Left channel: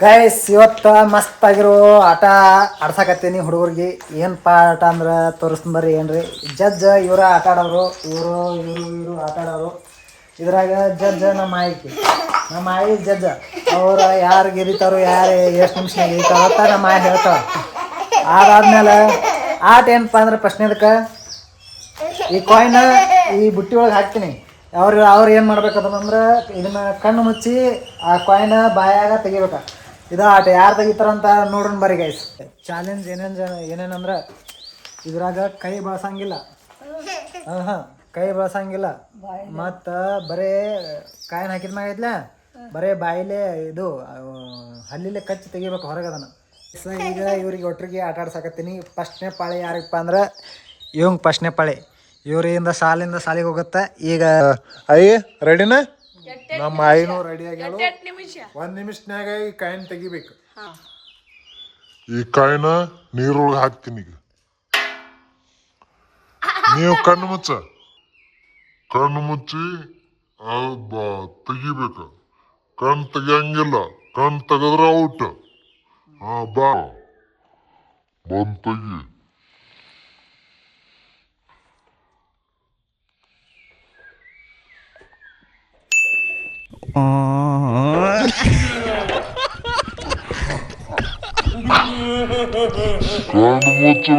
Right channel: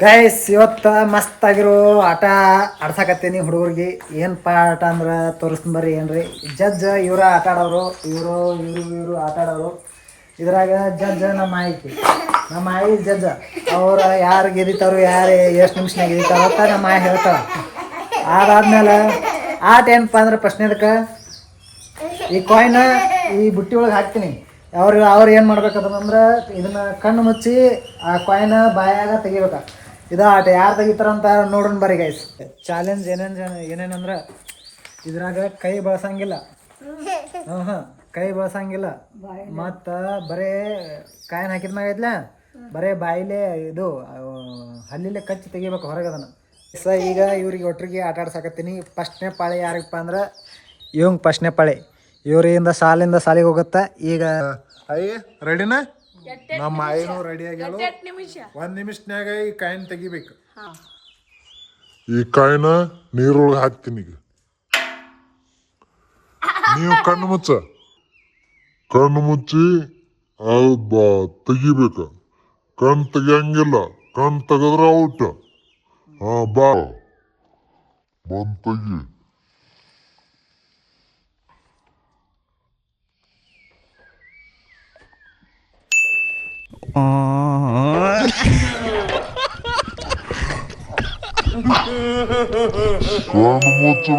Guys ಇವತ್ತು ಮಸ್ತ್ ಆಗಿರೋ ಆಟ ಆಡ್ಸಕತ್ತೀನಿ ಹುಡುಗರಿಗೆ. ಏನಪ್ಪ ಆಟ ಅಂದ್ರೆ ತೋರಿಸ್ತೀನಿ ಬರ್ರಿ. ಏನ್ರಿ ಜಡ್ಜ್ ಇವ್ರ ಆಟ ಆಡೋರು, ಇವರು ಆಟ ಆಡೋರು. ಇದ್ರಾಗ ಜಡ್ಜ್ ನಮ್ಮ ಆಯಿ ಜಡ್ಜ್. ಅವ್ರು ಯಾರು ಗೆದಿತಾರೋ, ಯಾರು ಎಷ್ಟು ನಿಮಿಷನಾಗ ಗೆದಿತಾರೋ ಅಂತ ನಮ್ಮ ಆಯಿ ಹೇಳ್ತಾವ. ಅದಾದ್ಮೇಲೆ ಆಟ ಏನಪ್ಪ ಅಂದ್ರೆ ಪ್ರಶ್ನೆದಕ್ಕೆ ಈ ಕಾಯಿನ ಈ ಬುಟ್ಟಿ ಒಳಗೆ ಹಾಕ್ತೀನಿ. ಅವ್ರು ಏನು ಮಾಡ್ಬೇಕಂದ್ರೆ ಇದನ್ನ ಕಣ್ಣು ಮುಚ್ಚಿ ಆ ಕಾಯಿನ ಬಾಯಾಗ ತೆಗಿಬೇಕ. ಇದು ಆಟ ಯಾರು ತೆಗಿತಾರಂತ ನೋಡೋಣ ಬರ್ರಿ ಗೈಸ್. ಚಾಲೆಂಜ್ ಏನೇನಂದ್ರೆ ಇದ್ರಾಗ ಕೈ ಬಳಸಂಗಿಲ್ಲ. ಕೈ ಬಳಸಂಗಿಲ್ಲ. ಮತ್ತು ಬರೇ ಕಾಯಿನ ಹಾಕಿದ ಮ್ಯಾಗ ಐತ್ಲ ಬರೇ ಬಾಯಿಲೆ ಇದು ಹಲ್ಲಿಲೆ ಕಚ್ಚಿ ತೆಗಿಬೇಕು ಹೊರಗೆ ಅದನ್ನು. ಈಗ ಇವ್ರಿಗೆ ಒಟ್ಟರಿಗೆ ಆಟ ಆಡ್ಸಕತ್ತೀನಿ. ಫಸ್ಟ್ನೇ ಪಾಳಿ ಯಾರಿಗಪ್ಪ ಅಂದ್ರೆ ಇವಂಗೆ ಫಸ್ಟ್ನೇ ಪಾಳಿ. ಇವರಿಂದ ಸಾಲಿಗೆ ಹೋಗುತ್ತೆ. ಈಗ ಅಯ್ಯ ರೆಡಿನ? ನಮ್ಮ ಆಯಿನೂ ರೆಡಿ ಆಗ್ಯಾಳು. 1 ನಿಮಿಷನ್ಯಾಗ ಈ ಕಾಯಿನ ತೆಗಿಬೇಕು. ಈ ಕಾಯಿನ ನೀರೊಳಗೆ ಹಾಕ್ತೀನಿ. ಈಗ ನೀವು ಕಣ್ಣು ಮುಚ್ಚಿ ಅದು ತೆಗಿಬೇಕ. ಕಣ್ಣು ತೆಗಿಯಂಗಿಲ್ಲ. ಕಣ್ಣು ತೆಗೆದ್ರೆ ಔಟ್. ಬಂದ್ ತೆಗಿ. ಕಣ್ಣು ಮುಚ್ಚ.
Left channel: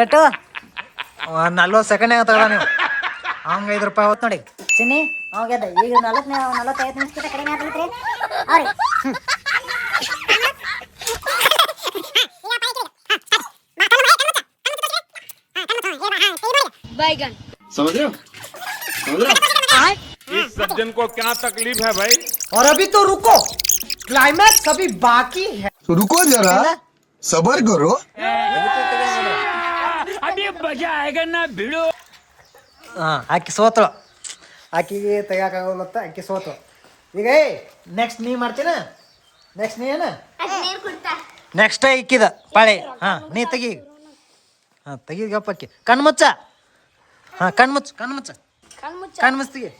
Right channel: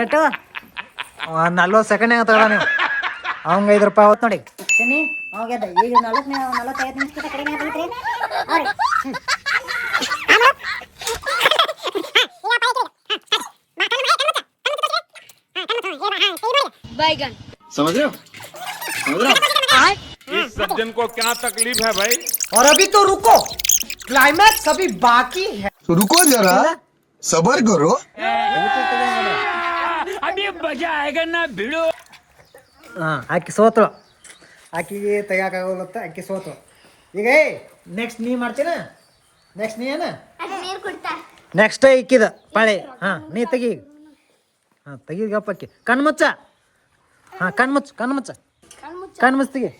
ಏಟು 40 ಸೆಕೆಂಡ್ನಾಗ ತಗೊಳ ನೀವು. ಅವಂಗೆ 5 ರೂಪಾಯಿ ಹೊತ್ತು ನೋಡಿ. ಚಿನ್ನಿ ಹೋಗ್ಯದ. ಈಗ 45 ನಿಮಿಷಕ್ಕಿಂತ ಕಡಿಮೆ ಆಗೈತ್ರಿ. बैगन समझ रहे हो इस सज्जन को क्या तकलीफ है भाई? और अभी तो रुको, क्लाइमैक्स अभी बाकी है. रुको जरा सबर करो. अभी मजा आएगा ना भिड़ो. ಆಕಿ ಸೋತಳು. ಆಕಿಗೆ ತೆಗಿಯಾಕಾಗಲ್ಲತ್ತ. ಆಕಿ ಸೋತಳು. ಈಗ ನೆಕ್ಸ್ಟ್ ನೀ ಮಾಡ್ತೀನ. ನೆಕ್ಸ್ಟ್ ನೀ ಏನ ನೆಕ್ಸ್ಟ್ ಇಕ್ಕಿದ ಪಾಳೆ. ನೀ ತೆಗಿ. ತೆಗಿಗಪ್ಪಕ್ಕಿ ಕಣ್ಣು ಮುಚ್ಚ. ಕಣ್ಣು ಮುಚ್ಚ ತೆಗಿ.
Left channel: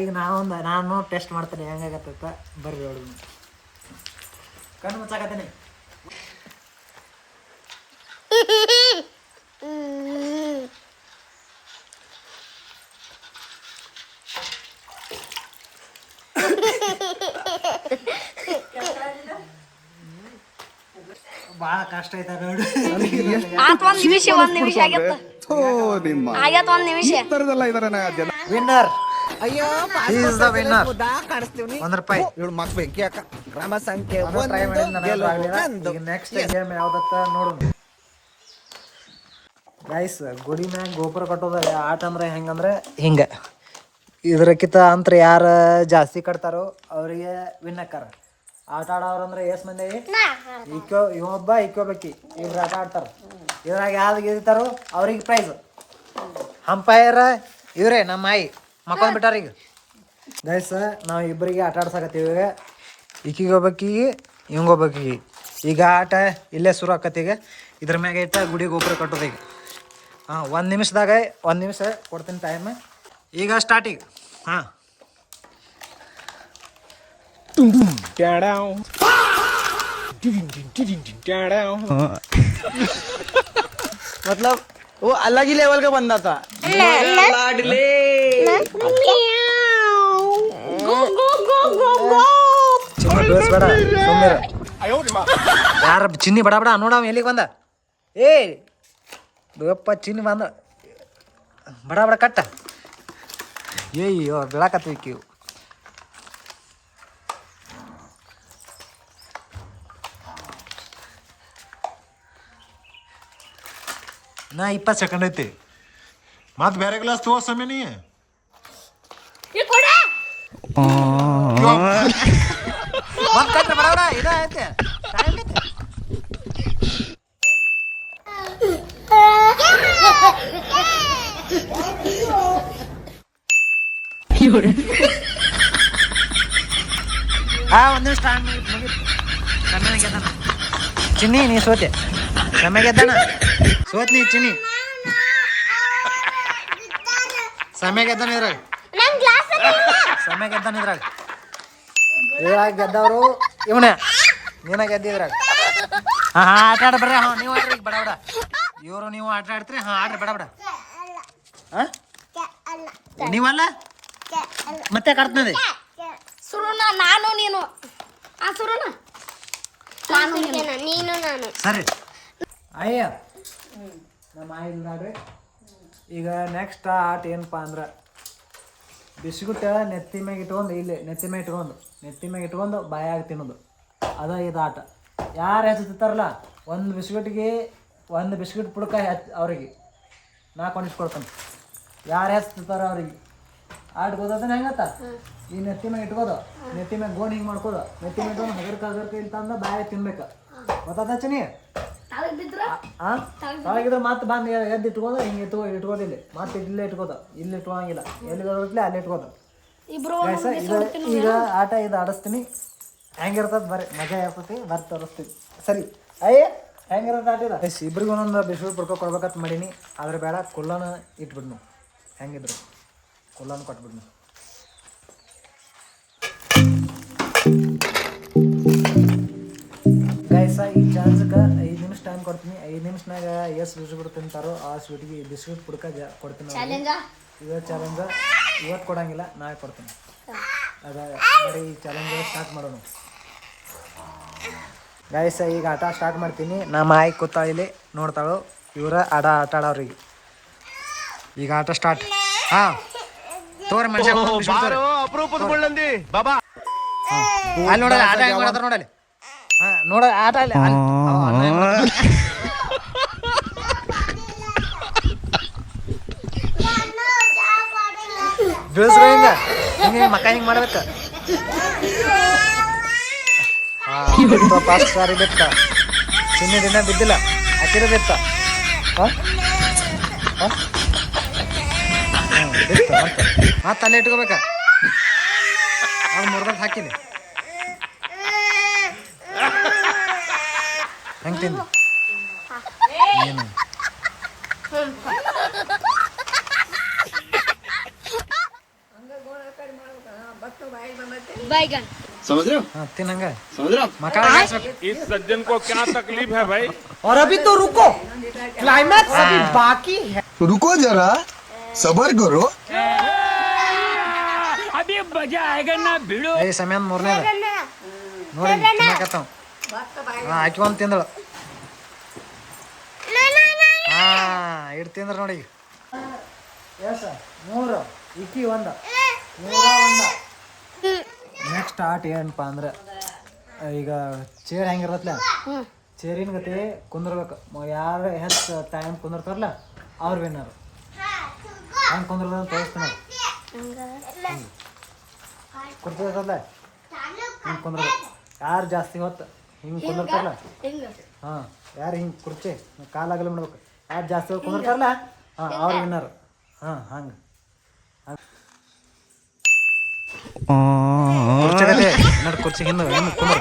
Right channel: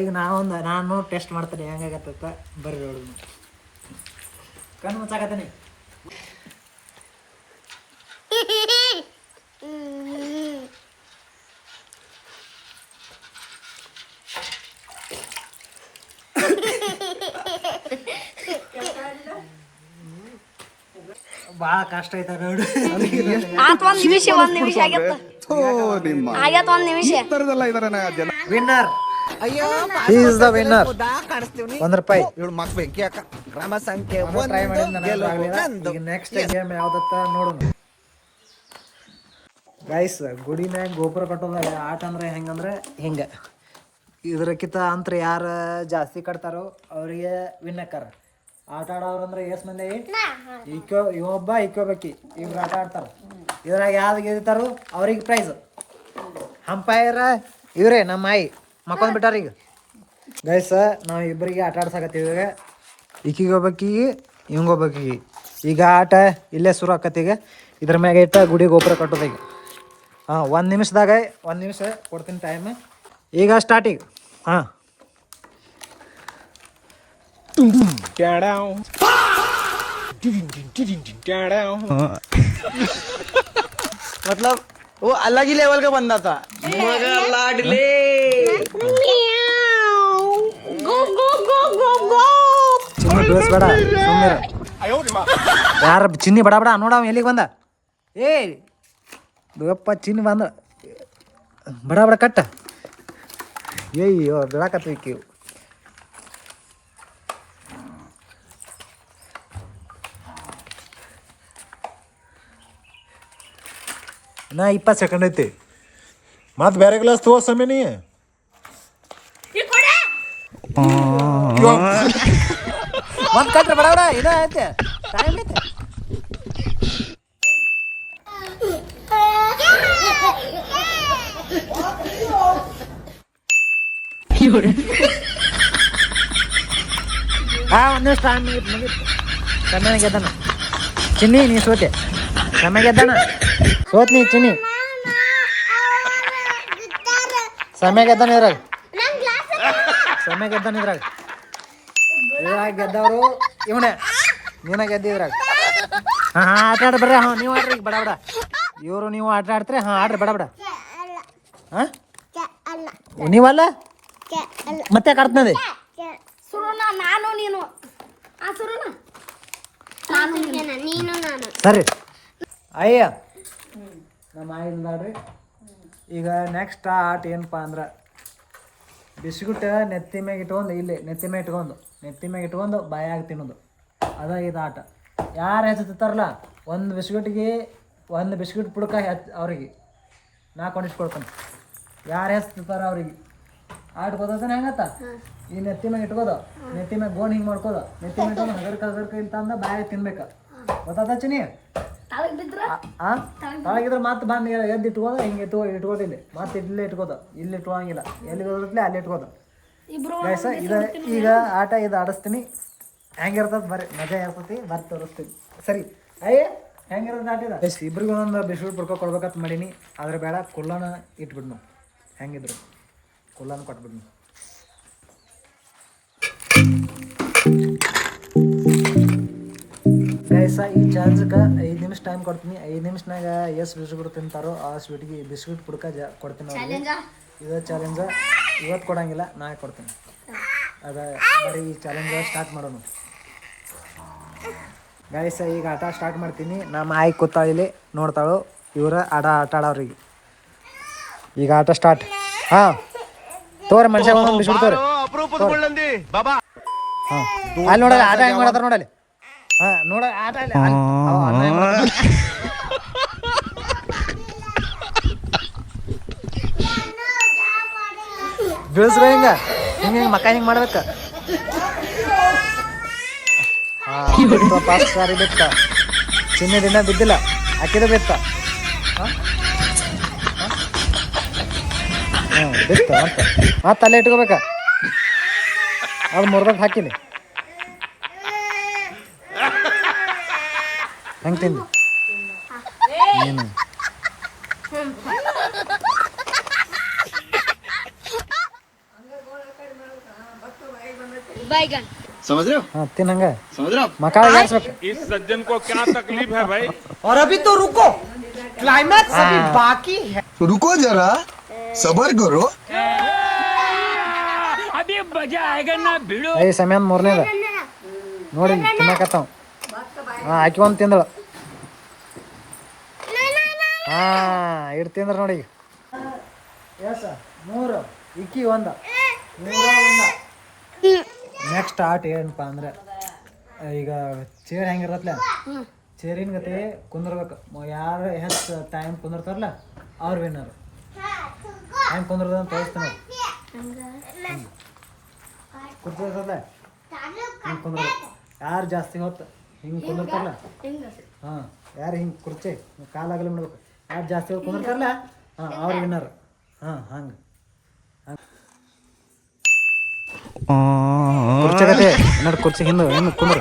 ಈಗ ನಾನು ಟೆಸ್ಟ್ ಮಾಡ್ತೇನೆ ಹೆಂಗಾಗತ್ತ. ಬರ್ರಿ ಹೇಳಿ. ಕಣ್ಣು ಮುಚ್ಚಾಕತ್ತೇನೆ. ಭಾಳ ಕಷ್ಟ ಐತ ನೋಡಿ. ಒಂದ್ ನಿಮಿಷ ಆಗತ್ತ. ಆಗತ್ತ 1 ನಿಮಿಷ. ವಿನ್ನರ್. ಅಯ್ಯೋ ಈಸ್ ದ ವಿನ್ನರ್. ಕಾಣಿಸ್ತೀವಿ. 1 ರೂಪಾಯಿ. ಇವಳು ಮಕ್ ಬೆಂಕಿ ಹಾಕ. ಗ್ರಾಮ ಸಂಖ್ಯೆ ಟ್ರೈ ಮಾಡಿದ. ನೆಕ್ಸ್ಟ್ ಗೇಮ್ ಯಾವ್ದತ್ತ ನೋಡೋಣ ಗೈಸ್. ಗುಡಿ ಮ್ಯಾಗ ಗೋಪುರ ಕಟ್ಟೋದ ಆಟ ಅಂದ್ರೆ ಹೆಂಗಂದ್ರೆ ಹಿಂಗೆ. ಇದ್ರಕ್ಕಿಂತ ಅಂತ್ರ ಯಾರು ಜಾಸ್ತಿ ಕಟ್ತಾರೋ ಅವರಿಗೆ ವಿನ್ ಆಕಾರ. ಆಟ ಆಡೋರಂದ್ರೆ ಎಷ್ಟು ಮಂದಿ? ಇವೊಬ್ಬ ಇಕ್ಕೋಬೇಕಿ. ಇಬ್ರು ಆಟ ಆಡ್ತಾರೆ. ಇದ್ರಾಗ ಯಾವ್ದು ಗೆದಿತಾರೋ ಅವ್ರಿಗೆ ಪ್ರೈಸ್. ಅಂಪೈರ್ ಇವ್ರೇ ನಮ್ಮ ಆಯಿ ಮಕ್ಕೊಂಡ್ ಬಿಟ್ಟಾರ. ಈಗ ಗೈಸ್ ನಾವು ಇಬ್ಬರಿಗೆ ಆಟ ಆಡ್ಸಕತ್ತೀವಿ. ಈಗ ಈಕಿಗೆ ಹೋಗ್ಬೇಕಿಗೆ ಇವಂಗೆ ಹೋಗ್ಬೇಕಿಗೆ. ಈಗ ಆಟ ಇಲ್ಲೇ ಶುರು ಆಕತಿ. ಈಗ ಇದ್ರ ಮ್ಯಾಗ ಇಟ್ಟ ಗುಡಿ ಗೋಪುರ ಕಟ್ಟೋದು. ಈಗ 1 ನಿಮಿಷದಾಗ 1 ನಿಮಿಷ ಕೊಡ್ತೀನಿ ಟೈಮ್. ಈಗ ಸ್ಟಾರ್ಟಿಂಗ್. मतलब वो अलग ही लेवल का बंदा था. लाडले ಯಾರ ಚಿನ್ನಿ ಬಡ ಬಡ ನೋಡ ಎಲ್ಲಿಗೆ ಬಂದ. ಬೇಯಪ್ಪ ಚಿನ್ನಿ ಬಂದ. ಬಡ ಬಡ ಕಟ್ಟ. ಏಯ್ಯೋ ಬೆಳಕತ್ತೀವಿ. ನಾ 20 ಸೆಕೆಂಡ್ ಐತಿ. ಮತ್ತೆ ಬೇರೆ ಗ್ಲಾಸ್ ತಗೋ ಸಮಯ ನೀ. ಮತ್ತೆ ಕಟ್ರಿ ಬಡ ಇದ ಐತೆ. ಟೈಮ್ ಐತೆ. ಒಂದು ನಿಮಿಷ ಟೈಮ್ ಮುಗೀತು. ಸಮಯ ಗೆದ್ದಾನ ಚಿನ್ನಿ, ನೀ ಸೋತೆ. ಸಮಯ ಗೆದ್ದಾನ, ಸೋತ್ ನೀ ಚಿನ್ನಿ. ಸಮಯ ಗೆದ್ದಾನ ಇದ್ರಾಗ, ಸಮಯ ಗೆದ್ದಾನ ಇದ್ರಾಗ. ಇದ್ರಾಗ ಗೆದ್ದವರು ಇವನೇ, ನೀನ ಗೆದ್ದಿ ಇದ್ರಾಗ. ಹಾಂ ಆಟ ಆಡ ಬರ್ರಿ. ನೀವು ಆಡ್ರಿ ಈಗ ಬಡ ಬಡ. ಇವರು ನೀವು ಆಟ ಆಡ್ತೀರಿ. ಆಡ್ರಿ ಬಡ ಬಡ. ನೀವಲ್ಲ ಮತ್ತೆ ಕಾಡ್ತದೆ ನಾನು ನೀನು ನೀನು ನಾನು. ಸರಿ ಅಯ್ಯ ನಮ್ಮ ಆಯಿಲ್ ನೋಡ್ರಿ. ಈಗ ನೆಕ್ಸ್ಟ್ ಆಟ ಏನಪ್ಪ ಅಂದ್ರೆ ಬಿಸ್ಕುಟ್ ನೆತ್ತಿ ಮ್ಯಾಗ ಇಟ್ಕೊಂಡು, ಇಲ್ಲಿ ನೆತ್ತಿ ಮ್ಯಾಗ ಇಟ್ಕೊಂಡು ಬಾಯಾಗ ತಿನ್ನೋದು. ಅದ ಇದು ಆಟ. ಯಾರು ಹೆಚ್ಚುತ್ತಾರಲ್ಲ ಒಂದು ಬಿಸ್ಕಿಟ್ ಪುಡ್ಕ ಅವ್ರಿಗೆ ನಾ ಕೊಂಡಿಸ್ಕೊಡ್ತಾನೆ. ಯಾರು ಹೆಚ್ಚುತ್ತಾರ ಅವ್ರಿಗೆ ಆಟ ಗೊತ್ತಾನೆ. ಹೆಂಗತ್ತ ಈ ನೆತ್ತಿ ಮ್ಯಾಗ ಇಟ್ಕೋದು, ನೆತ್ತಿ ಮ್ಯಾಗ ಗೋಣ್ ಹಿಂಗೆ ಮಾಡ್ಕೋದು, ನೆತ್ತಿ ಮ್ಯಾಗ ಇಟ್ಕೊಂಡು ಹಗರ್ಕ ಇಲ್ಲ ತಂದ ಬಾಯಾಗ ತಿನ್ಬೇಕು. ಗೊತ್ತಾದ ಚಿನಿ? ತಳಗಿದ್ರೆ ಮತ್ತೆ ಬಂದು ಎದ್ದು ಇಟ್ಕೋದು, ಹಿಂಗೆ ಇಟ್ಕೋದಿಲ್ಲ. ಮತ್ತೆ ಇಲ್ಲೇ ಇಟ್ಕೋದು, ಇಲ್ಲಿ ಇಟ್ಕೋಂಗಿಲ್ಲ. ಎಲ್ಲಿ ಬರುತ್ತೆ ಅಲ್ಲಿ ಇಟ್ಕೋದು. ಗೈಸ ಇದು ಈಗ ಆಟ ಇದು ಆಡಿಸ್ತೀನಿ. ಹೆಂಗಿರ್ತದೆ ಬರ್ರಿ, ಮಜಾ ಇರ್ತೈತಿ. ಬರ್ರಿ ತೋರಿಸ್ತೀನಿ. ಸರಿ ಅಯ್ಯ ಹೆಂಗಿರೋದು ಆಟ ಇದೆ. ಗೈಸ್ ಇಬ್ರಿಗೆ ಒಂದೊಂದು ಬಿಸ್ಕುಟ್ ಪುಡ್ಕೊ ಕೊಡ್ಬೇಕಂತ ಮಾಡೀನಿ. ಆದ್ರೆ ಬೇಡ, ಕುಲ್ಲನ ಇಟ್ಬಿಡ್ನು. ಹೆಂಗಿದ್ರು ಕುಲ್ಲನ ಕೊಟ್ಬಿಡ್ನು. ಗೈಸ ಈ ಚಾರ್ಜ್ಗೆ 5 ನಿಮಿಷ ಟೈಮ್ ಕೊಡ್ತೀನಿ. 5 ನಿಮಿಷನಾಗ ಎಷ್ಟು ಬಿಸ್ಕುಟ್ ತಿಂತಾರೋ ಆ ಸ್ವೀಟ್ಗೆ ಬಿಸ್ಕುಟ್ ಪುಡ್ಕ ಕೊಡ್ತೀನಿ ಅವ್ರಿಗೆ. ಇದು ಚಾಲೆಂಜ. ಇವತ್ತು ಕೊಡಂಗಿಲ್ಲ, ನಾಳೆ ಕೊಡ್ತೀನಿ. ಅದ ಬರೀ ಈ ಚಾಲೆಂಜ್ ಸ್ಟಾರ್ಟ್ ಮಾಡೋಣ. ಗೈಸ ಈಗ ಆಟ ಸ್ಟಾರ್ಟ್ ಮಾಡ್ತೀನಿ. ನಮ್ಮ ಆಯಿ ಕೂತಾಳಿಲಿ ನೋಡ್ತಾಳು. ಇವರ ಆಟ ಆಡೋರಿಗೆ ಈಗ ಆಟ ಸ್ಟಾರ್ಟ್. ಹಾಂ ತೋರಿ ಮನುಷ್ಯ ಬಿಸ್ಕುಟ್ ತೋರಿ. ಹಾಂ ಅಲ್ಲಿ ನೋಡಲ್ಲ ಆಟ ಹೆಂಗೆ ಮಾಡತ್ತಾರ ನೋಡಲ್ಲಿ. ಹಾಂ ನೋಡ ಆಟ ಅಲ್ಲಿ ಬೀಳ್ಸ್ರ ಹಿಂಗ ಹಿಂಗೆ ಮಕ್ಕ ಹಿಂಗೆ ಮಾಡ್ಬೇಕ. ಹಾಂ ಪಾಸ್ ಸಾರಿ ಬೆತ್ತ ಚಿನ್ನ ದಿನ ಬಿದ್ದಿಲ್ಲ, ಹಾಕಿದ ಬೆತ್ತ. ಹಾಂ ಹಾಂ ಬೆತ್ತ ಮತ್ತೆ ಅಲ್ಲೇ ಇಟ್ಕೋಬೇಕ. ಅದು ಮುರ್ದಾಗ ಹಾಕಿನಿ. ಹೆಂಗೆ ತಿಂದು ನೀನು बैगन समझ रहे हो? हाँ तिनंग समझ रहे हो? मकान इस सज्जन को क्या तकलीफ है भाई? और अभी तो रुको, क्लाइमैक्स अभी बाकी है. रुको जरा, सबर करो. अभी मजा आएगा ना भिड़ो. ಏ ಸಮಯ ಮೂರನೇದ ನೋಡಿ ತಿನ್ನಕತ್ತಾವ. ಹಾಂ ಹಾಕಿಕೊಂಡು ತಿಂದಳು. ಹಾಂ ಇಟ್ಟು ತಿಂದ್ರೆ ನೋಡಿ. ಎಸ್ 3 ಇಕ್ಕಿ 1 100. ನೆಕ್ಸ್ಟ್ ಆಟ ಏನಪ್ಪ ಅಂದ್ರೆ ಈಗ ಚೇರ್ ಹೆಂಗಿರತ್ತಲ್ಲ, ಚೇರಿನ ಗತೆ ಕುಂದ್ರಬೇಕು. ಯಾರು ಹೆಚ್ಚು ಟೈಮ್ ಕುಂದಿರ್ತಾರಲ್ಲ ಅವ್ರು ವಿನ್ನರ್. ಹೆಂಗೆ ಕುಂದ್ರದ ತೋರಿಸ್ತೀನಿ. ಹಿಂಗೆ ಕುರ್ತಿರ್ತಲ್ಲ ಹಿಂಗೆ ಕುಂದ್ರಬೇಕು. ಯಾರು ಜಾಸ್ತಿ ಹೊತ್ತು ಹಿಂಗೆ ಕುಂದಿರ್ತಾರಲ್ಲ, ಹಾಂ ಯಾರು ಹಿಂಗೆ ಕುರ್ಚಿ ಕಾಲಾಗಲಿ ಮಾಡ್ಬೇಕು. ಯಾರು ಜಾಸ್ತಿ ಹೊತ್ತು ಕುಂದಿರ್ತಾರಲ್ಲ ಹಾಂ ಅವ್ರು ವಿನ್ನರ್. ಹಾಂ ಹಂಗೆ ಕುರ್ಚಿ ಗತೆ ನೋಡಿ. ಕುರ್ಚಿ ಹಿಂದೆ ಹಿಂದೆ ಕುಂದ್ರು.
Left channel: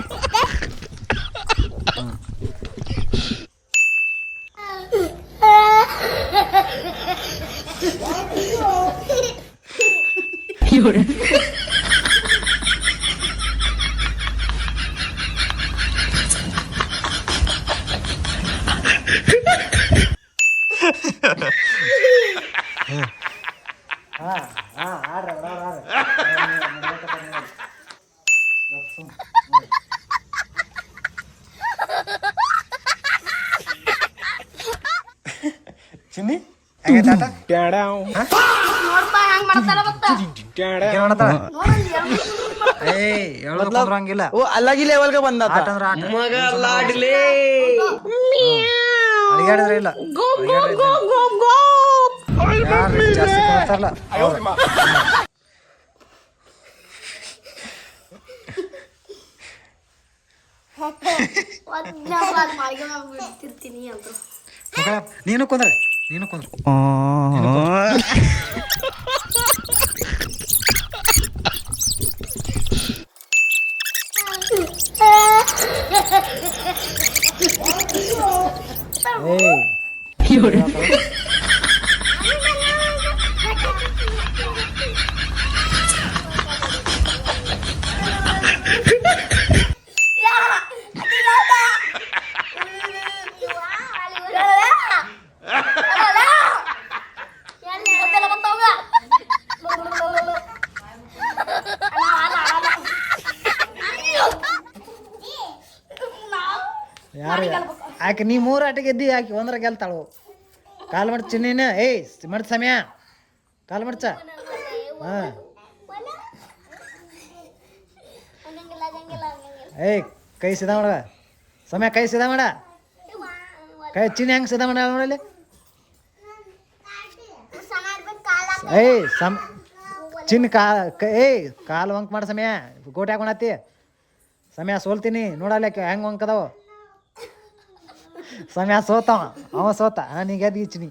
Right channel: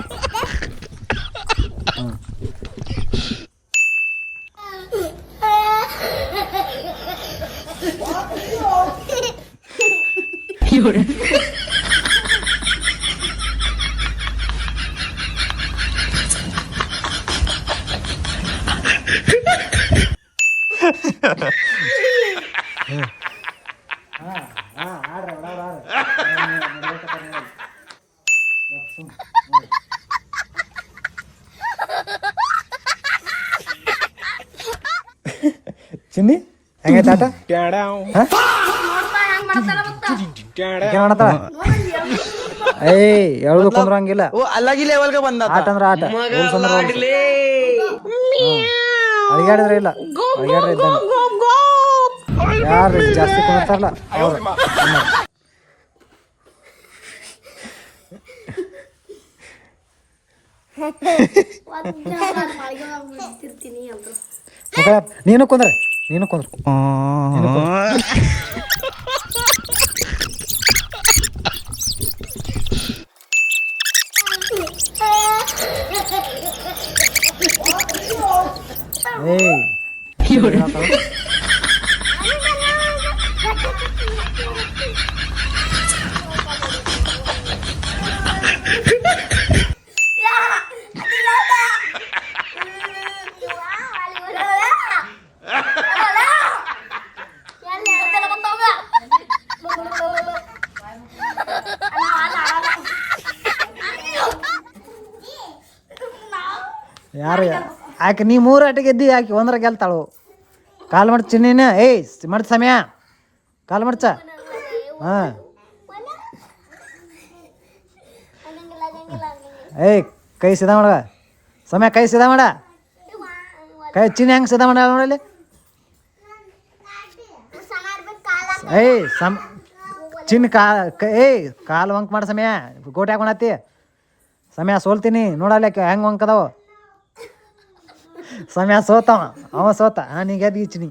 ಹಾಂ ಹಾಂ ಆಡ್ರಿ ಬಡವ್ರು ಆಡ್ರಿ. ಚಿನ್ನಿ ಏಯ್ ಯಾವ್ದು ಕುಂದ್ರಂಗಿಲ್ಲ. वो अलग ही लेवल का बंदा था. ಆಟ ಅಂದ್ರೆ ಆಟ. ಅಡಿಗಾಡಿದ್ರೆ ಇಲ್ಲ, ಅಡಿಗಾಡ್ರೆ ಯಾರು ಜಾಸ್ತಿ ಕುಂದಿರ್ತಾರಲ್ಲ ಅವ್ರು. ಮಕ್ಕಳ ನೀನು ಕುಂದ್ರ, ನೀನು ಕುಂದ್ರ. ಏಯ್ ಯಾರು ಆಕೆ ನೀ 3 ಆಟ ಗೆದ್ದಿ ಆಕೆ ಒಂದ್ರ ಗೆಲ್ತಾಳು. ಕಾಲು ಮಡ್ಚ ಚಿನ್ನಿನ ಏಯ್ ಮಡ್ಚ ಸಮಯ ಕಾಲು ಮಡ್ಚ. ಹಾಂ ಏಯ್ ಕೈ ಸಿದಾ ಮಾಡ ಸಮಯ, ಕೈ ಸಿದಾ ಮಾಡ, ಕೈ ಚಿನ್ನ ಹೆಂಗೆ ಸಿದಾ ಮಾಡ ನೋಡಲಿ. ಏಯ್ ಚಿನ್ನ ಏಯ್ ಕಾಲು ವಂಕ್ ಮಾಡ ಸಮಯ, ಗೋಟೆ ಹಾಕೊಂಡತಿ ಸಮಯ. ಸೋಲ್ತೀನಿ ನೋಡಲ್ಲ ಹೆಂಗೆ ವಂಕದವ ಸಮಯ. ಸೋತವ ಅವ ಸೋತ. ನೀ ಗೆದ್ದು ಈ ಚಿನ್ನಿ.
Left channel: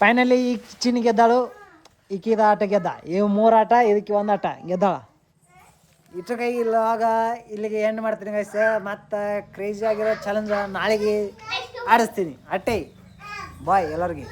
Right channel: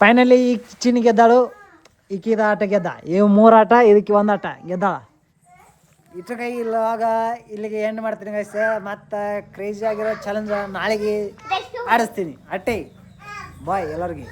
ಫೈನಲಿ ಈ ಚಿನ್ನಿ ಗೆದ್ದಾಳು, ಈಕಿದ ಆಟ ಗೆದ್ದ. ಇವು 3 ಆಟ, ಇದಕ್ಕೆ 1 ಆಟ ಗೆದ್ದಾಳ. ಇಷ್ಟು ಕೈ ಇಲ್ಲವಾಗ ಇಲ್ಲಿಗೆ ಎಂಡ್ ಮಾಡ್ತೀನಿ ಗೈಸ್. ಮತ್ತು ಕ್ರೇಜಿ ಆಗಿರೋ ಚಾಲೆಂಜ್ ನಾಳೆಗೆ ಆಡಿಸ್ತೀನಿ. ಅಟ್ಟೆ ಬಾಯ್ ಎಲ್ಲರಿಗೆ.